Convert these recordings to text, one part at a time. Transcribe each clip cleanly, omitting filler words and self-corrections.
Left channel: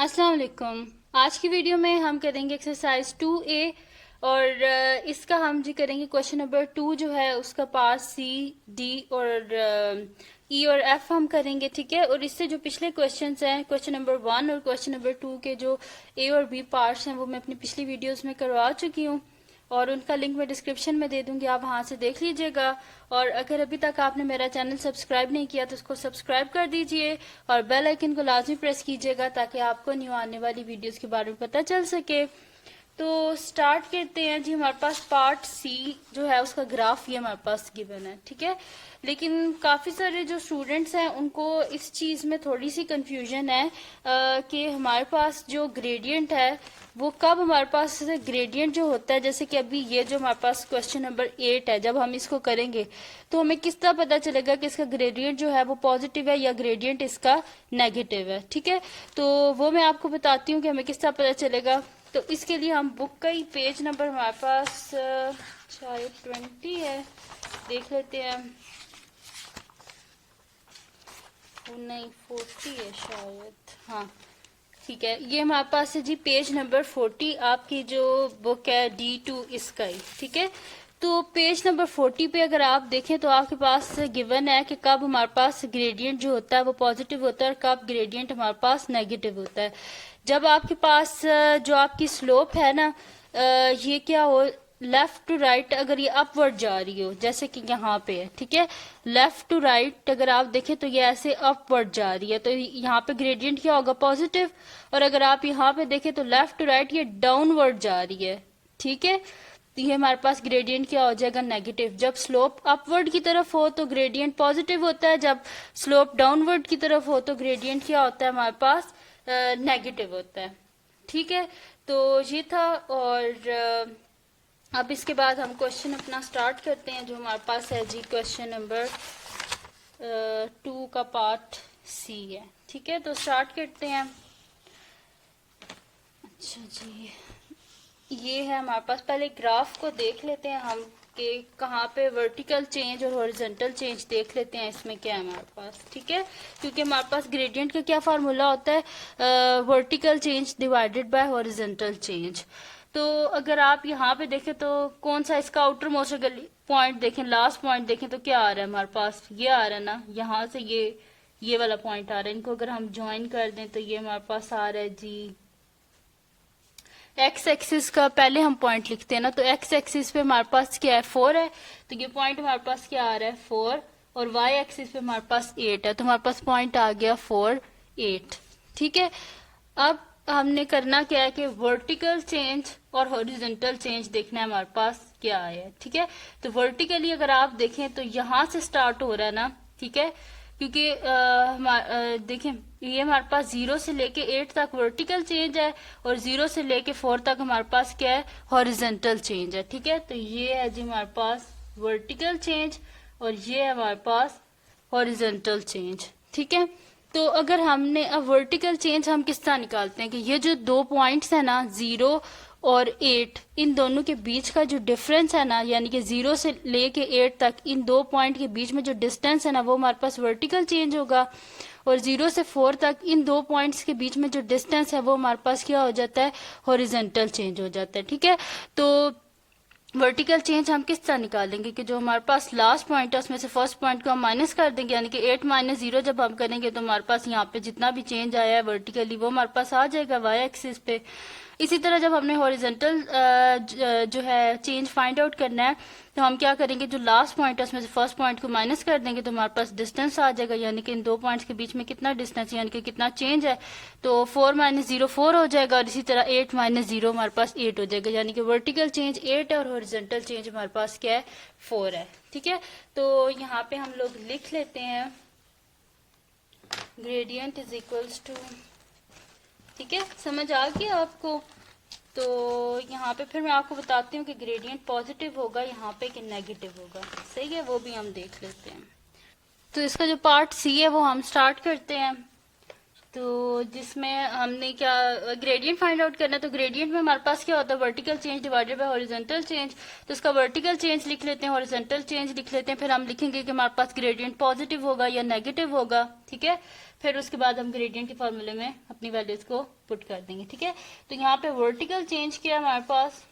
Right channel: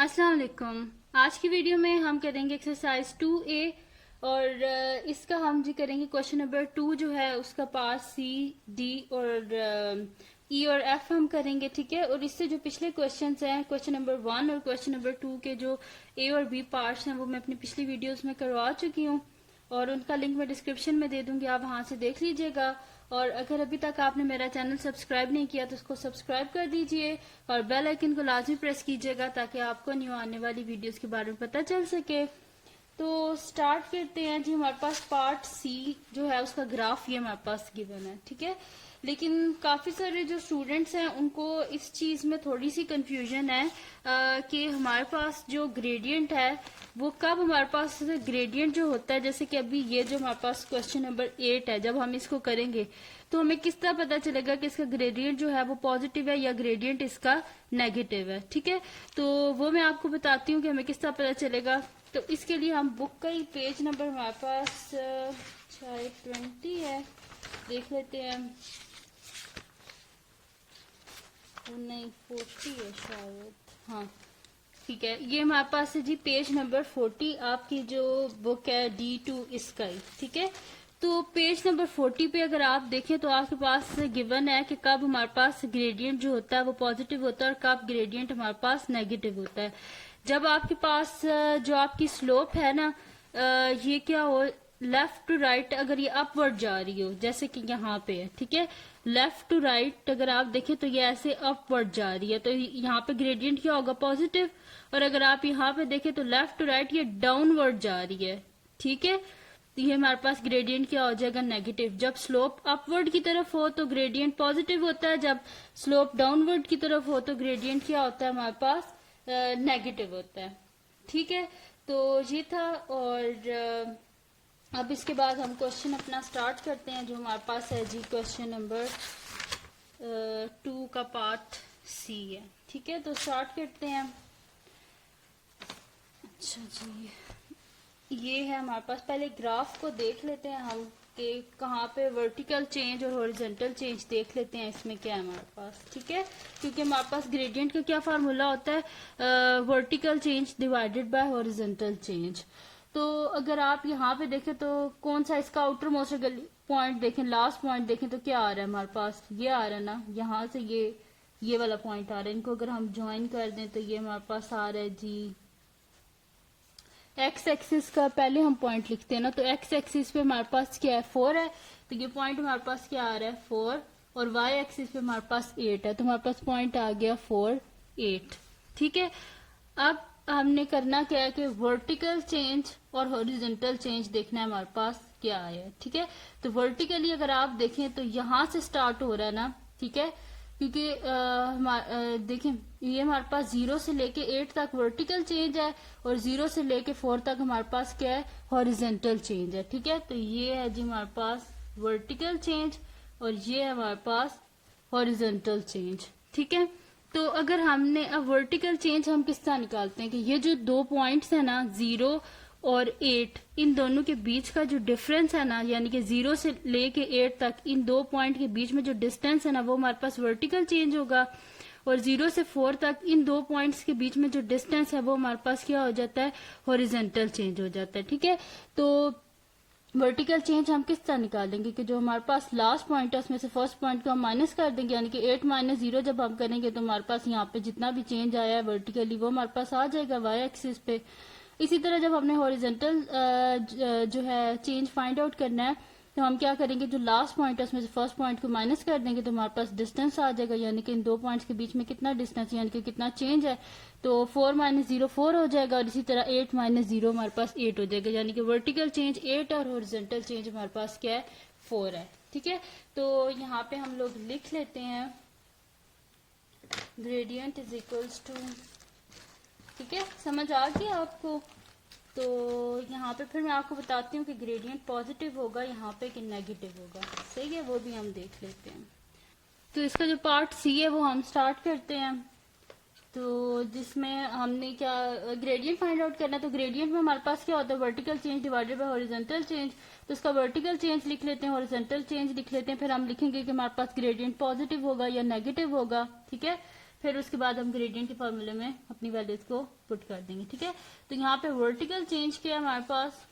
अस्सलाम वालेकुम। आज की वीडियो में हम करेंगे एक्सरसाइज 2A और इसका हम जी करेंगे क्वेश्चन नंबर 2 जो है उसका पार्ट सी, डी और ई और एफ हम करेंगे, ठीक है। और इससे जो पिछले क्वेश्चंस हैं, क्वेश्चन नंबर 1 और क्वेश्चन नंबर 2 के जो ए और बी पार्ट्स हैं वो मैं अपनी पिछली वीडियोस में करवा चुकी हूँ और उनका लिंक मैं डिस्क्रिप्शन में दे दूंगी, आप वहां से देख लीजिएगा। और अगर अभी तक आपने मेरा चैनल सब्सक्राइब नहीं किया तो इसको सब्सक्राइब कर दीजिए और बेल आइकन को लाजमी प्रेस कीजिएगा ताकि आपको न्यू आने वाली वीडियोस के बारे में पता चल सके। तो स्टार्ट करते हैं जी। हमारे पास पार्ट सी जो है उसका ग्राफ ये हमारे पास गिवन है, ठीक है। लेकिन काफी सारे जो स्टूडेंट्स हैं उनको इस चीज में थोड़ी सी कंफ्यूजन है कि हमारे पास जो ग्रेडियंट है वो कब हमारे पास ग्रेडियंट जो होता है, जैसे कि अभी ये जो हमारे पास क्वेश्चन नंबर 8 है, जब हम इसको करेंगे तो हमें किस तरह पता चलेगा कि इसका ग्रेडियंट जो है वो पॉजिटिव है या ग्रेडियंट इसका नेगेटिव है, ठीक है। तो वो मैं आपको बताती हूँ कि हमें किस तरह पता चलेगा। तो इसके लिए हम बुक का ही पेज नंबर हमारे पास शायद 20 है, देख लेते हैं। नहीं 40 है शायद, हाँ ठीक है। ये हमारे पास है जी पेज नंबर 40, आपकी जो बुक है D2 इसका ही, ठीक है। तो पेज नंबर 40 पे अगर आप देखें तो आपके पास गिवन है कि कब हमारे पास ग्रेडियंट जो होता है वो पॉजिटिव होता है और कब ग्रेडियंट हमारे पास नेगेटिव होता है। जब आपके पास जो आपकी स्लोप है ना, ये क्या हो, लेफ्ट टू राइट अगर ये अपवर्ड जा रही हो, जैसे कि यहाँ पे है, ठीक है। लेफ्ट टू राइट अगर आप देखें तो ये ऐसे अपवर्ड जा रही है, तो यहाँ पे ग्रेडियंट क्या होगा, पॉजिटिव। और अगर आप यहाँ पे देखें तो लेफ्ट टू राइट ये डाउनवर्ड जा रही है, ठीक है। तो ये हमारे पास ग्रेडियंट क्या हो जाएगा, नेगेटिव। जब स्लोप अपवर्ड की तरफ हो तो ग्रेडियंट पॉजिटिव होता है, जब स्लोप डाउनवर्ड की तरफ हो तो ग्रेडियंट क्या होता है हमारे पास, नेगेटिव होता है, ठीक है। तो ये था। और अब इसके बाद हम क्वेश्चन अपना स्टार्ट करते हैं जो हमारे पास है जी क्वेश्चन नंबर 2 का पार्ट सी है, ठीक है। तो स्टार्ट करते हैं। अच्छा जी, ये है हमारे पास। पहले ग्राफ को देख लेते हैं हम कि कहाँ पे वर्टिकल चेंज और हॉरिजॉन्टल चेंज देख लेते हैं इसमें क्या है हमारे पास, ठीक है। क्योंकि हमारे पास ग्रेडियंट का क्या फार्मूला होता है, vertical change divided by horizontal change. तो अगर आप यहाँ पे देखें तो कौन सा इसका आउटर मोस्ट पॉइंट देखें, लास्ट पॉइंट देखें तो क्या आ रहा है हमारे पास, ये आ रहा है ना, यहाँ से ये वाला पॉइंट आ रहा है। इनको अगर हम ज्वाइन कर दें तो ये हमारे पास आ रहा है जी एक्स एक्सिस का। पहले हम पॉइंट लिखते हैं ना, तो एक्स एक्सिस पे हमारे पास क्या है, 4 है, तो ये पॉइंट हमारे पास क्या आ रहा है, 4। और वाई एक्सिस पे हमारे पास 8 है, तो हमारे पास पॉइंट आ गया 4, 8, ठीक है। अब हमने करना क्या है कि वर्टिकल चेंज और हॉरिजॉन्टल चेंज देखना है हमारे पास क्या है, ठीक है। तो वर्टिकली अगर आप देखें तो यहां से स्टार्ट हो रहा है ना, ठीक है। क्योंकि देखें ये हमारे पास 0 से लेके 8 तक वर्टिकल चेंज है और 0 से लेके 4 तक हमारे पास क्या है, हॉरिजॉन्टल चेंज है, ठीक है। तो ये है जी हमारे पास वर्टिकल चेंज और ये है हमारे पास हॉरिजॉन्टल चेंज, ठीक है। तो अगर हमने अब वर्टिकल चेंज हम किस तरह निकालते हैं कि ये जो दो पॉइंट्स है ना, 0 और 8, इन दोनों के बीच का जो डिफरेंस है ना, यानी कि 0 से लेके 8 तक इन दो पॉइंट के बीच में जो डिस्टेंस है ना वो हमारे पास वर्टिकल चेंज होगा। और 0 से 4 तक इन दो पॉइंट्स के बीच में जो डिस्टेंस है वो हमारे पास क्या हो जाता है, हॉरिजॉन्टल चेंज हो जाता है, ठीक है। तो वर्टिकल चेंज हम किस तरह निकालेंगे कि जो हमारे पास लास्ट पॉइंट है उसमें से फर्स्ट पॉइंट को हम माइनस कर देंगे, यानी कि 8 माइनस 0 जब हम करेंगे तो हमारे पास यहाँ पे जितना भी चेंज आया है वर्टिकली वो हमारे पास आ जाएगा वाई एक्सिस पे। इसी तरह जब हमने हॉरिजॉन्टल जो है चेंज फाइंड आउट करना है तो हम क्या करेंगे, जो लास्ट पॉइंट है उसमें से फर्स्ट पॉइंट को माइनस कर देंगे तो हमारे पास डिस्टेंस आ जाएगा, यानी कि इन दो पॉइंट्स के बीच में कितना डिस्टेंस यानी कि कितना चेंज है। तो 4 माइनस 0 4 हो जाएगा और इसी तरह 8 माइनस 0 हमारे पास 8 हो जाएगा, यानी कि वर्टिकल चेंज 8 है और हॉरिजॉन्टल चेंज हमारे पास क्या है, 4 है, ठीक है। तो यहाँ पे हम लोग लिख लेते हैं ग्रेडियंट इज इक्वल्स टू, ठीक है, समझ आ गया आपको। तो यहाँ पे फिर मैं आपको बताती हूँ कि ग्रेडियंट पॉजिटिव होगा यहाँ पे कि नेगेटिव होगा, सही है, वो भी हम देख लेते हैं। तो इसका जो पार्ट सी है वो हम स्टार्ट करते हैं। तो जिसमें हमने क्या ग्रेडियंट फाइंड आउट करना है, तो ग्रेडियंट में हमारे पास क्या होता है, vertical change divided by horizontal change. तो इसका वर्टिकल चेंज लिख लेते हैं, हॉरिजॉन्टल चेंज लिख लेते हैं, फिर हम लिखेंगे कि हमारे पास ग्रेडियंट पॉजिटिव होगा या नेगेटिव होगा, ठीक है। फिर उसके बाद हम ग्रेडियंट के फॉर्मूले में अपनी वैल्यूज को पुट कर देंगे, ठीक है। तो यहाँ पे वर्टिकल चेंज क्या है हमारे पास,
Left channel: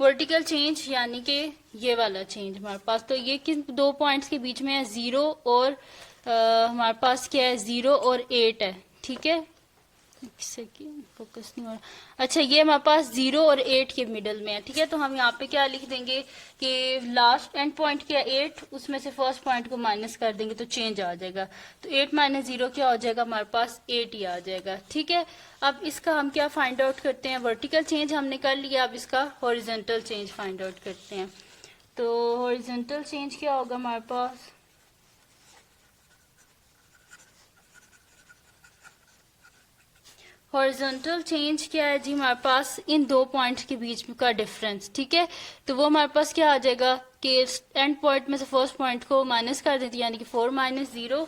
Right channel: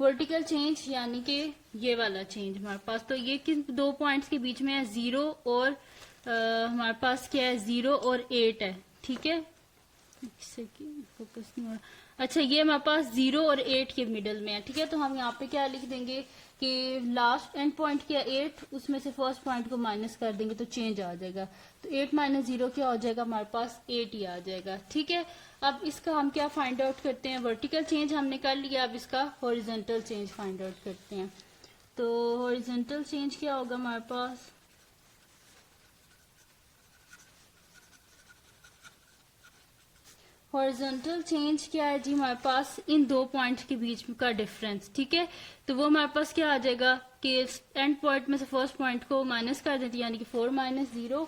वर्टिकल चेंज यानी कि ये वाला चेंज हमारे पास, तो ये किन दो पॉइंट्स के बीच में है, 0 और हमारे पास क्या है 0 और 8 है, ठीक है। फोकस नहीं हो रहा। अच्छा, ये हमारे पास 0 और 8 के मिडल में है, ठीक है। तो हम यहाँ पे क्या लिख देंगे कि लास्ट एंड पॉइंट क्या 8, उसमें से फर्स्ट पॉइंट को माइनस कर देंगे तो चेंज आ जाएगा। तो 8 माइनस 0 क्या हो जाएगा, हमारे पास 8 ही आ जाएगा, ठीक है। अब इसका हम क्या फाइंड आउट करते हैं, वर्टिकल चेंज हमने कर लिया, अब इसका हॉरिजॉन्टल चेंज फाइंड आउट करते हैं। तो हॉरिजॉन्टल चेंज क्या होगा हमारे पास, हॉरिजॉन्टल चेंज क्या है जी, हमारे पास इन दो पॉइंट्स के बीच में का डिफरेंस, ठीक है। तो वो हमारे पास क्या आ जाएगा कि एंड पॉइंट में से फर्स्ट पॉइंट को माइनस कर देते हैं, यानी कि 4 माइनस 0,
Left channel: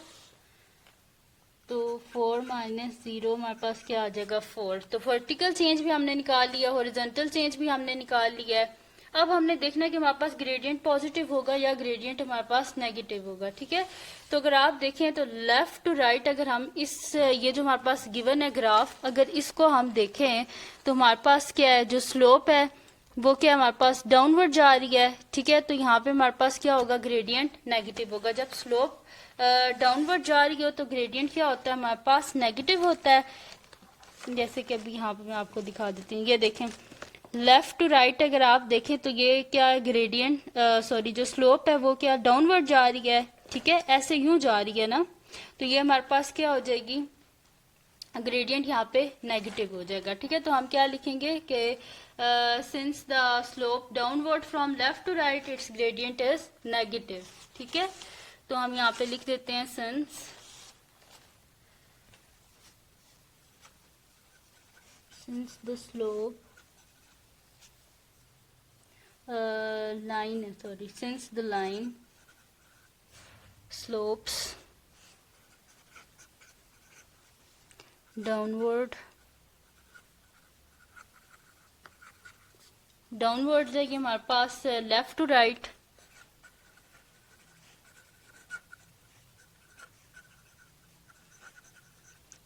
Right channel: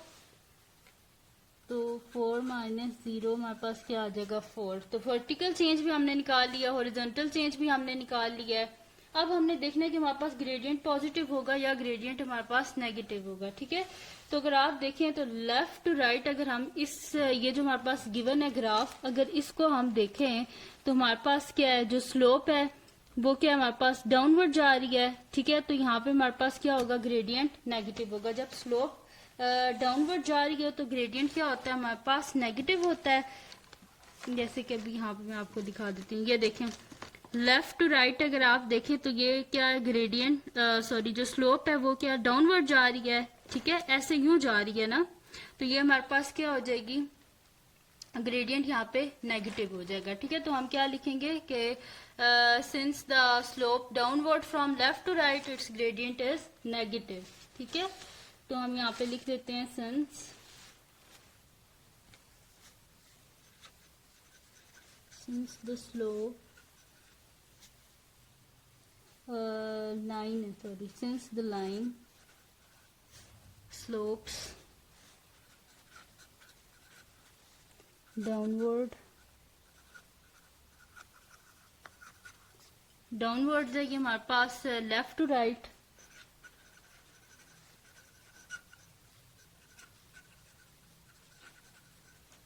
तो 4 माइनस 0 हमारे पास क्या आ जाएगा 4। तो वर्टिकल चेंज भी हमने निकाल लिया, हॉरिजॉन्टल चेंज भी हमने निकाल लिया है। अब हमने देखना है कि हमारे पास ग्रेडियंट पॉजिटिव होगा या ग्रेडियंट हमारे पास नेगेटिव होगा, ठीक है। तो अगर आप देखें तो लेफ्ट टू राइट, अगर हम इस ये जो हमारे पास गिवन है ग्राफ, अगर इसको हम देखें तो हमारे पास क्या है, जो स्लोप है वो क्या हमारे पास डाउनवर्ड जा रही है, ठीक है। तो यहाँ पे हमारे पास क्या होगा, ग्रेडियंट नेगेटिव होगा। जब स्लोप डाउनवर्ड जा रही हो तो ग्रेडियंट क्या होता है हमारे पास, नेगेटिव होता है। जैसे कि अभी यहाँ पे मैं आपको दिखा देती हूँ, ये देखें लेफ्ट टू राइट अगर आप देखें तो ये क्या है, ग्रेडियंट सॉरी जो स्लोप है वो क्या डाउनवर्ड जा रही है, ठीक है, ऐसे यूं जा रही है ना। तो ये हमारे पास क्या हो जाएगी, ग्रेडियंट यहाँ पे नेगेटिव हो जाएगा, ठीक है। तो हम क्या लिखेंगे कि since the slope downward from left to right its gradient is negative, ठीक है। तो हम यहाँ पे लिख देते हैं since the slope line sorry since the line slopes downward जाएगी हमारे पास लेफ्ट टू राइट,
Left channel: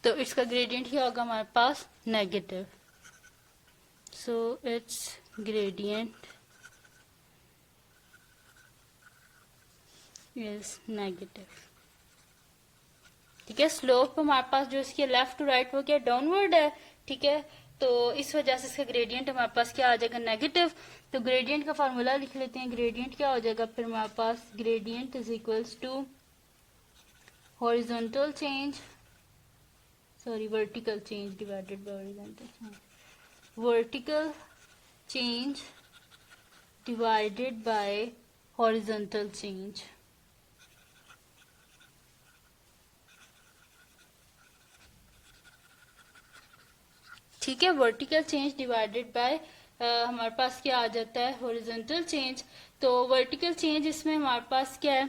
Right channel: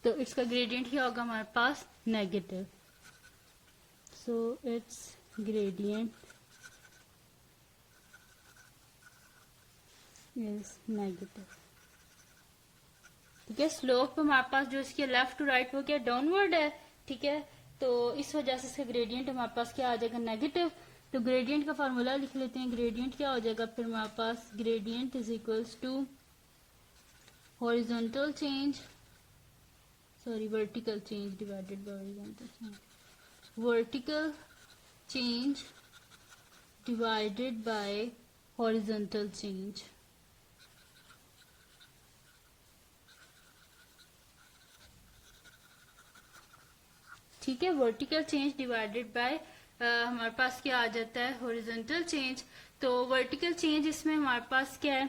तो इसका ग्रेडियंट क्या होगा हमारे पास, negative. So it's gradient is negative, ठीक है। स्लोप हमारे पास जो इसके लेफ्ट टू राइट वो क्या डाउनवर्ड है, ठीक है। तो इस वजह से इसका ग्रेडियंट हमारे पास क्या आ जाएगा, नेगेटिव। तो ग्रेडियंट का फार्मूला लिख लेते हैं, ग्रेडियंट क्या हो जाएगा फिर हमारे पास, gradient is equals to horizontal change sorry vertical change divided by horizontal change, vertical change divided by horizontal change, ठीक है। वर्टिकल चेंज डिवाइडेड बाय हमारे पास क्या आ जाता है, हॉरिजॉन्टल चेंज। तो वर्टिकल चेंज इसमें हमारे पास क्या है,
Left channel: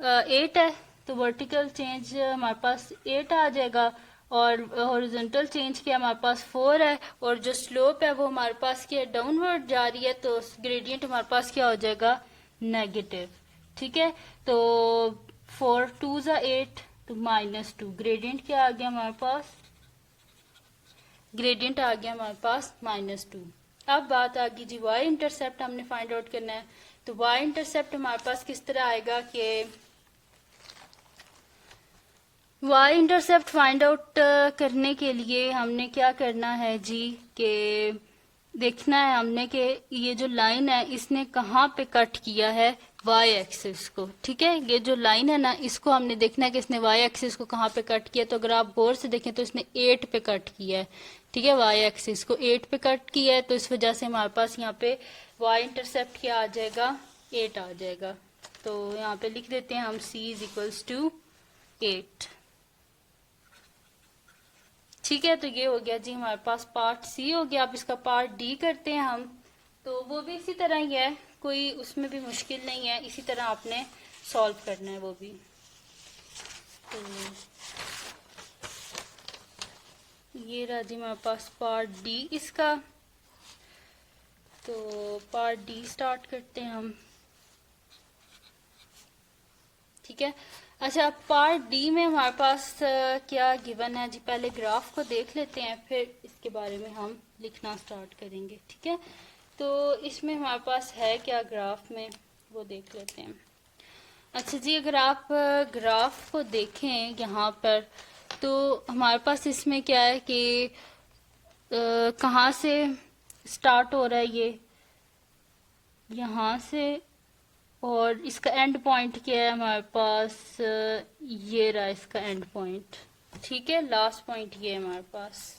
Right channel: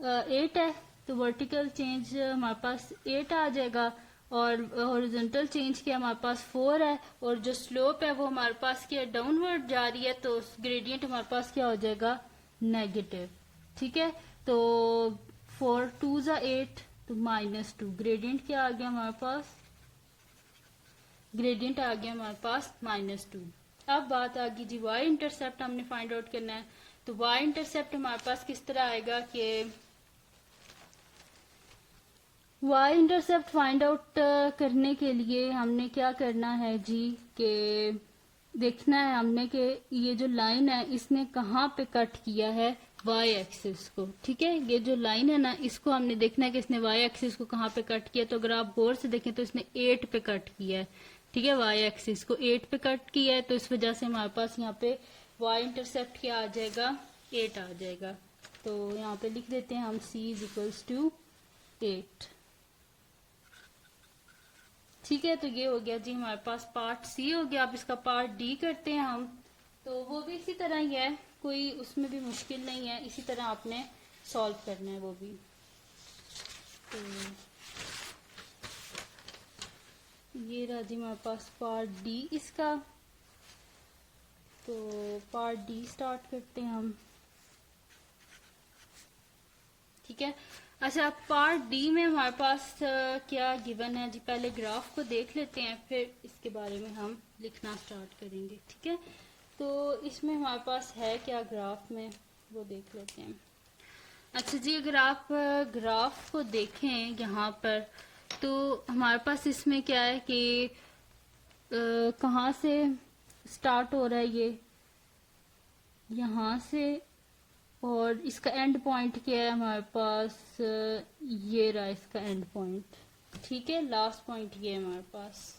8 है, तो वर्टिकल चेंज हमारे पास 8 आ जाएगा, और हॉरिजॉन्टल चेंज क्या हमारे पास 4 है, और जो स्लोप है वो हमारे पास क्या डाउनवर्ड जा रही है, तो ग्रेडियंट हमारे पास क्या हो जाएगा, नेगेटिव, ठीक है। तो 4 2 ज़ा 8, तो -2, ग्रेडियंट क्या आ गया हमारे पास, ग्रेडियंट आ गया हमारे पास -2। अब बात आ गई जी वाई इंटरसेप्ट हमने फाइंड आउट करना है। तो वाई इंटरसेप्ट हमारे पास किस तरह आएगा कि वाई इंटरसेप्ट फाइंड आउट करने के लिए हमने क्या करना है जी, कि देखना है हमने कि ये जो लाइन है इसने कहाँ पे कट किया है वाई एक्सिस को, ठीक है। ये जो लाइन है ना इसको हमने देखना है कि इसने वाई एक्सिस को कहाँ पे कट किया। तो अगर आप गौर से देखें तो इसने 8 पे कट किया है, ठीक है, वाई एक्सिस को 8 पे कट किया है, तो इस वजह से हमारे पास यहाँ पे वाई इंटरसेप्ट क्या आ जाएगा, 8 आ जाएगा। तो यहाँ पे लिख देते हैं हम c इज इक्वल्स टू 8, ठीक है। तो ये हो गया जी हमारे पास पार्ट सी हो गया। अब इसका पार्ट डी करते हैं हम, तो वो भी इसी तरह ही है, कोई उसमें भी मुश्किल नहीं है, इसी तरह आपने सॉल्व करना है वो भी। तो ये रहा जी हमारे पास पार्ट डी इसका। तो पार्ट डी स्टार्ट करते हैं हम, ठीक है। अच्छा, पार्ट डी में हमारे पास क्या गिवन है जी, पहले ग्राफ को देख लेते हैं फिर इसके बारे में हम लिखना स्टार्ट करेंगे, ठीक है। तो इसमें हमारे पास है क्या ग्राफ में, वो देख लेते हैं। अच्छा जी, अगर आप ग्राफ को देखें यहाँ पर, तो हमारे पास इसमें क्या है कि कहाँ से स्टार्ट हो रहा है ये, यहाँ से, और इसका एंड पॉइंट क्या है हमारे पास, ये रहा इसका एंड पॉइंट, ठीक है। लास्ट पॉइंट ये है हमारे पास,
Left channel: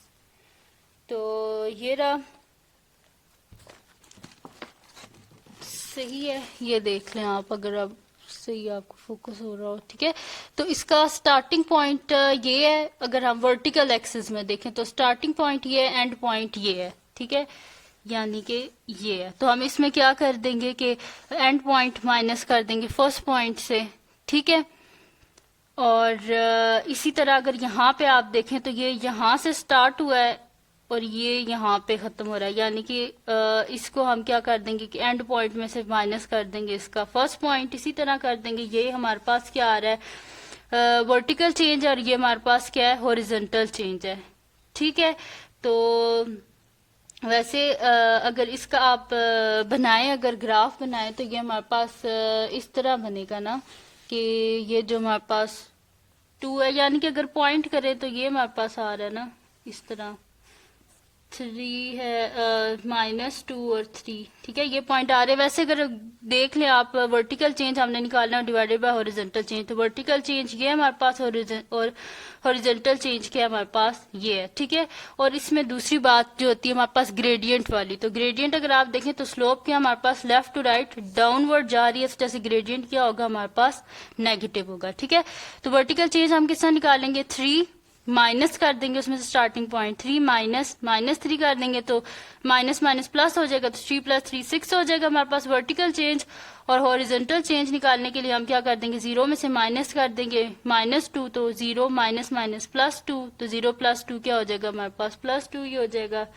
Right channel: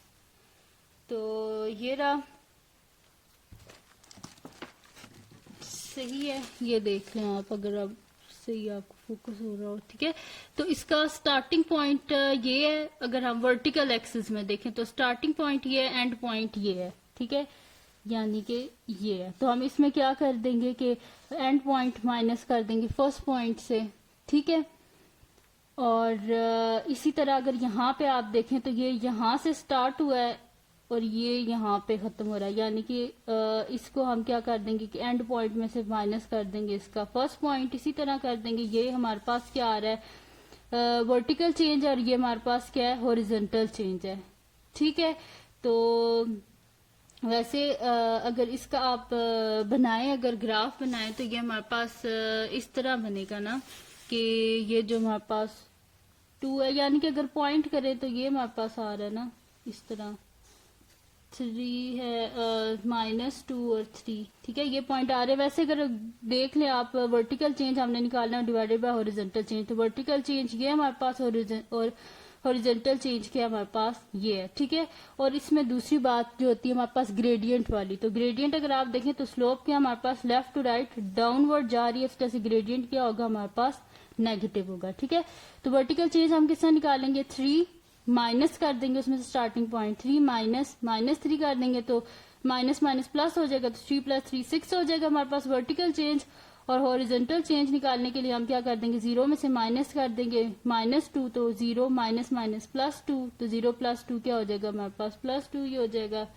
तो ये रहा, सही है। ये देख लें आप, अगर आप सही आपको फोकस हो रहा हो, ठीक है। तो इसका स्टार्टिंग पॉइंट ये है, अगर हम वर्टिकल एक्सिस में देखें तो स्टार्टिंग पॉइंट ये है, एंड पॉइंट ये है, ठीक है, यानी कि ये है। तो हम इसमें क्या कर देंगे कि एंड पॉइंट माइनस कर देंगे फर्स्ट पॉइंट से, ठीक है। और इसी तरह अगर यहाँ पे आप देखें तो ये यहाँ से स्टार्ट हुआ है और ये यहाँ पे खत्म हो रहा है, यानी कि इसको हम क्या कर देंगे कि एंड पॉइंट में से माइनस कर देंगे इसका फर्स्ट पॉइंट, इसी तरह कर देंगे। ये हमारे पास क्या आ रहा है, वर्टिकल चेंज, और ये हमारे पास क्या है, हॉरिजॉन्टल चेंज है, ठीक है। तो वैसे अगर इसका आप बनाएं, अगर ग्राफ बनाएं, तो ये हमारे पास इस तरह बनेगा ना कि ये जो हमारे पास 2 है, यानी कि अगर पॉइंट करें तो ये हमारे पास आ रहा है ना इस तरह, 3 है, -2 और 3, ठीक है, ये पॉइंट आ रहे हैं। वैसे अगर देख लें आप, वर्टिकल चेंज हमने निकालना डिवाइडेड बाय हॉरिजॉन्टल चेंज, तो वर्टिकल चेंज ये है हमारे पास, और हॉरिजॉन्टल चेंज क्या है हमारे पास, ये है, ठीक है। और इसमें दूसरी बात जो होती है हमारे पास ग्रेडियंट वाली, तो ग्रेडियंट अगर आप देखें तो स्लोप क्या हमारे पास लेफ्ट टू राइट डाउनवर्ड जा रही है, तो जैसे ग्रेडियंट क्या होगा हमारे पास, नेगेटिव होगा, ठीक है। तो वर्टिकल चेंज हम किस तरह निकालेंगे, 3 माइनस कर देंगे उसमें से स्टार्टिंग पॉइंट, 3 -3 कर देंगे तो माइनस माइनस प्लस हो जाएगा, तो 3 + 3 6 हो जाएगा हमारे पास वर्टिकल चेंज। और हॉरिजॉन्टल चेंज निकालने के लिए हम क्या कर देंगे, 0 में से माइनस कर देंगे, -2, तो 0 माइनस माइनस +2, तो 0 + 2 क्या हो जाएगा हमारे पास, +2 ही हो जाएगा।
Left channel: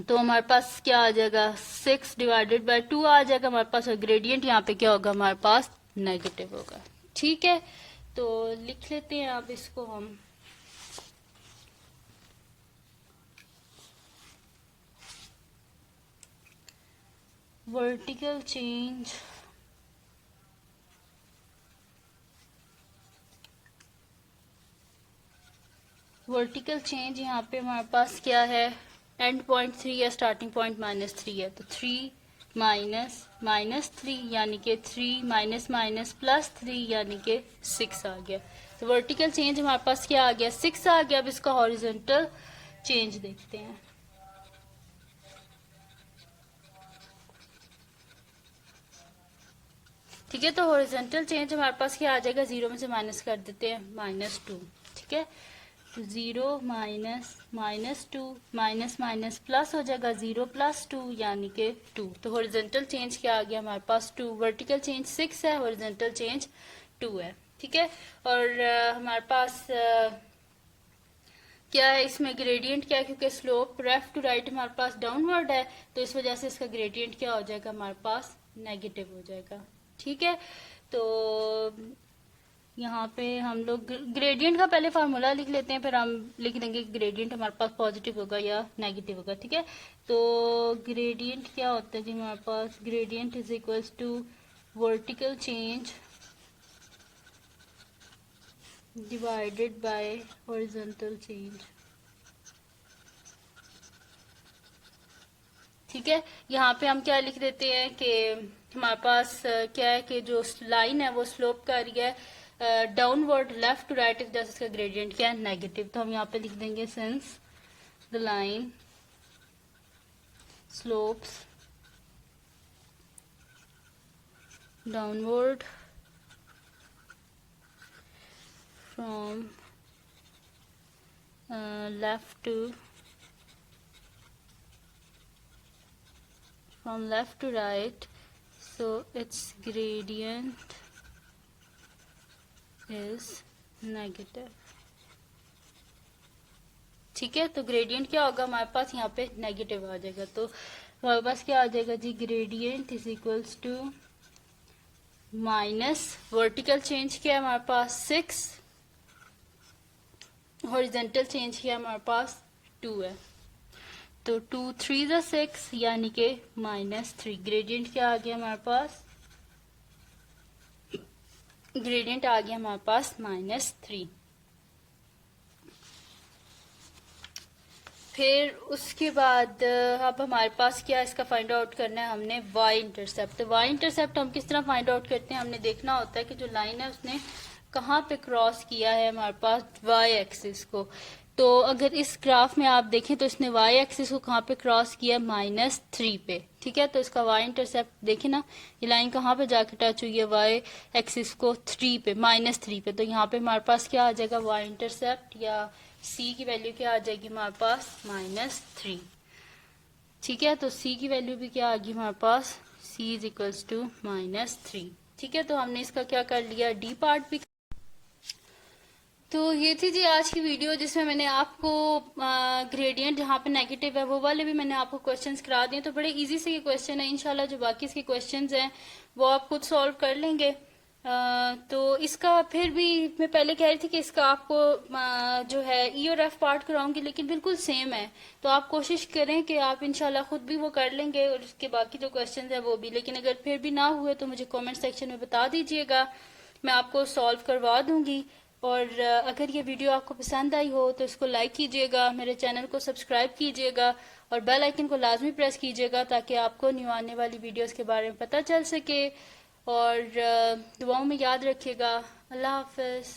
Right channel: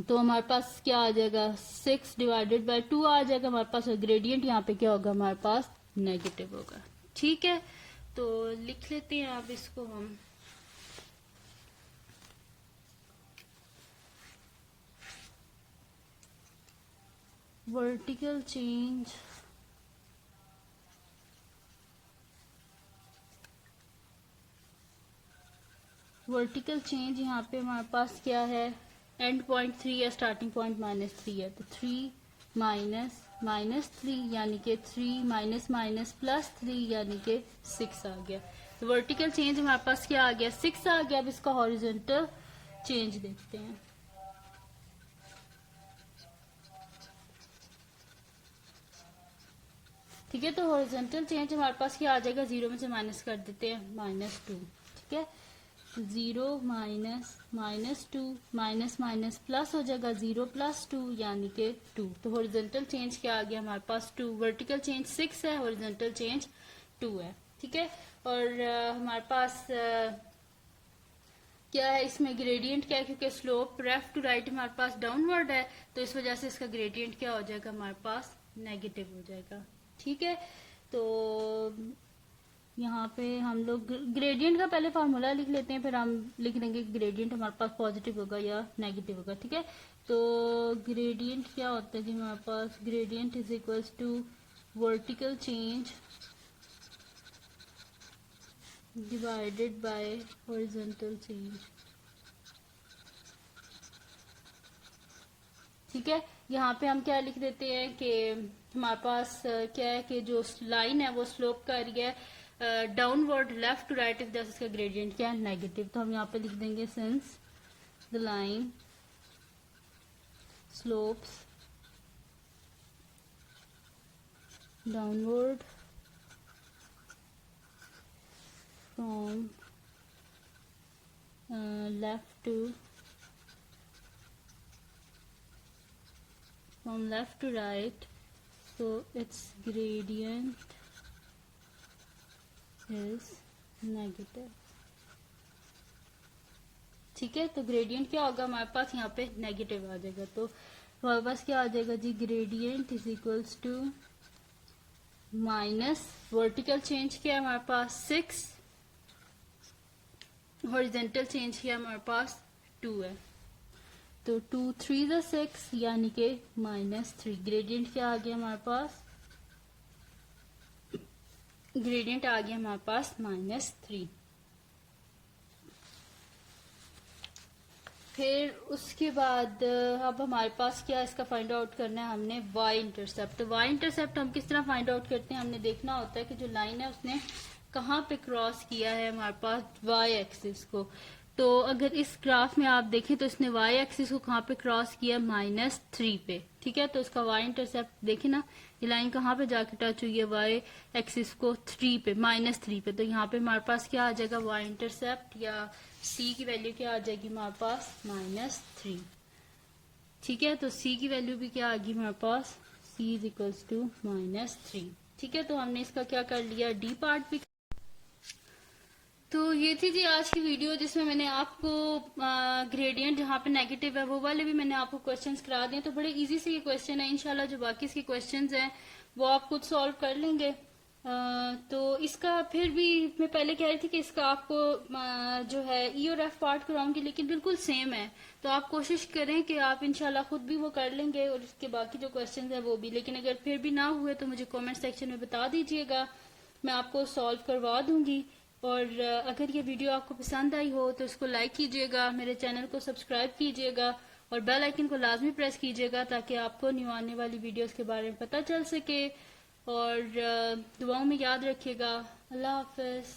तो हमारे पास क्या आ जाएगा, 6/2 आ जाएगा हमारे पास, और ग्रेडियंट यहाँ पे क्या होगा हमारे पास, नेगेटिव होगा, ठीक है। तो लिख लेते हैं आप इसको हम, वर्टिकल चेंज यहाँ पे हमारे पास क्या है, एंड पॉइंट 3 है, स्टार्टिंग पॉइंट -3 है, तो 3 -3 यानी कि 3 -3 यानी कि 6 आ गया। तो वर्टिकल चेंज हमारे पास क्या आ गया, 6 आ गया। अब इसका हॉरिजॉन्टल चेंज देखते हैं, ठीक है। तो हॉरिजॉन्टल चेंज हमारे पास क्या आ जाएगा, 0 में से माइनस कर देते हैं, -2, ठीक है। 0 -2 माइनस माइनस प्लस हो जाएगा, 0 + 2 यानी कि 2। तो हॉरिजॉन्टल चेंज क्या आ गया हमारे पास, 2। वर्टिकल चेंज 6 है, हॉरिजॉन्टल चेंज 2 है, ठीक है। और हमारे पास क्या है इसमें ग्रेडियंट क्या है, क्योंकि स्लोप लेफ्ट टू राइट हमारे पास डाउनवर्ड है, तो इस वजह से इसका ग्रेडियंट क्या हो जाएगा हमारे पास, नेगेटिव हो जाएगा, ठीक है। तो यहाँ पे हम लोग ग्रेडियंट का पहले फार्मूला लिख लेते हैं, फिर हम लिख देंगे ग्रेडियंट हमारे पास पॉजिटिव होगा या नेगेटिव होगा, ठीक है। तो ग्रेडियंट क्या होता है जी हमारे पास, gradient is equals to vertical change divided by horizontal change, ठीक है। यहाँ पे हम क्या लिख देते हैं कि हमारे पास क्या है कि जो लाइन है वो स्लोप कर रही है डाउनवर्ड लेफ्ट टू राइट, जैसे इसका ग्रेडियंट क्या है, नेगेटिव। तो हम यहाँ पे लिख देंगे since the line slopes downward from left to right, so its gradient is negative, ठीक है। तो ग्रेडियंट क्या होगा हमारे पास, यहाँ पे नेगेटिव आ जाएगा। तो हमारे पास क्या आ जाएगा जी, gradient is equals to minus vertical change किया हमारे पास 6, हॉरिजॉन्टल चेंज किया हमारे पास 2 है। तो 2 3 ज़ा 6 यानी कि -3। ग्रेडियंट क्या आ गया हमारे पास? ग्रेडियंट आ गया हमारे पास -3। फिर उसके बाद अब हमारे पास क्या इसका फाइंड आउट करना है हमने y इंटरसेप्ट। तो y इंटरसेप्ट हम किस तरह फाइंड आउट करते हैं? हमने देखना होता है कि जो लाइन है उसने कहाँ पे क्रॉस किया है हमारे पास y एक्सिस को। तो अगर इस ग्राफ में आप देखें तो इसने y एक्सिस को कहाँ पे क्रॉस किया? -3 पे। ठीक है, तो इसका y इंटरसेप्ट देखें ना, ये लाइन कहाँ पे जाके टच हुई है? y एक्सिस को 3 पे, -3 पे। तो यहाँ पे हमारे पास क्या आ जाएगा? y इंटरसेप्ट या c की वैल्यू क्या आ जाएगी हमारे पास? -3। ठीक है, तो c की वैल्यू भी क्या आ गई हमारे पास? c is equals to -3। ठीक है, तो हमने इसका क्या कर लिया? डी पार्ट भी। तो ये थी जी आज की वीडियो जिसमें मैंने आपको ग्रेडियंट जहाँ पे नेगेटिव है वो वाले भी मैंने आपको क्वेश्चंस करा दिए। तो बड़े इजी से ये क्वेश्चन है, इंशाल्लाह जो बाकी इसके क्वेश्चंस हैं वो आप खुद सॉल्व कर लेंगे। तो इसका फिर भी मैं पहले कह रही थी कि इसका आपको जो है ई और एफ पार्ट कराऊंगी, लेकिन बिल्कुल सेम है। तो आप कोशिश करें कि आप इंशाल्लाह खुद भी वो कर लेंगे और उसके बाकी जो क्वेश्चंस हैं वो भी। लेकिन अगर फिर भी ना हुए तो मुझे कमेंट सेक्शन में बता दीजिएगा, मैं आपको सॉल्व करवा दूंगी। और अगर ये वीडियो आपको पसंद आई हो तो इसको लाइक कीजिएगा, मेरे चैनल को सब्सक्राइब कीजिएगा और बेल आइकन को लाजमी प्रेस कीजिएगा ताकि आपको न्यू आने वाली वीडियोस के बारे में पता चल सके। और दुआओं में याद रखिएगा। अल्लाह हाफिज़।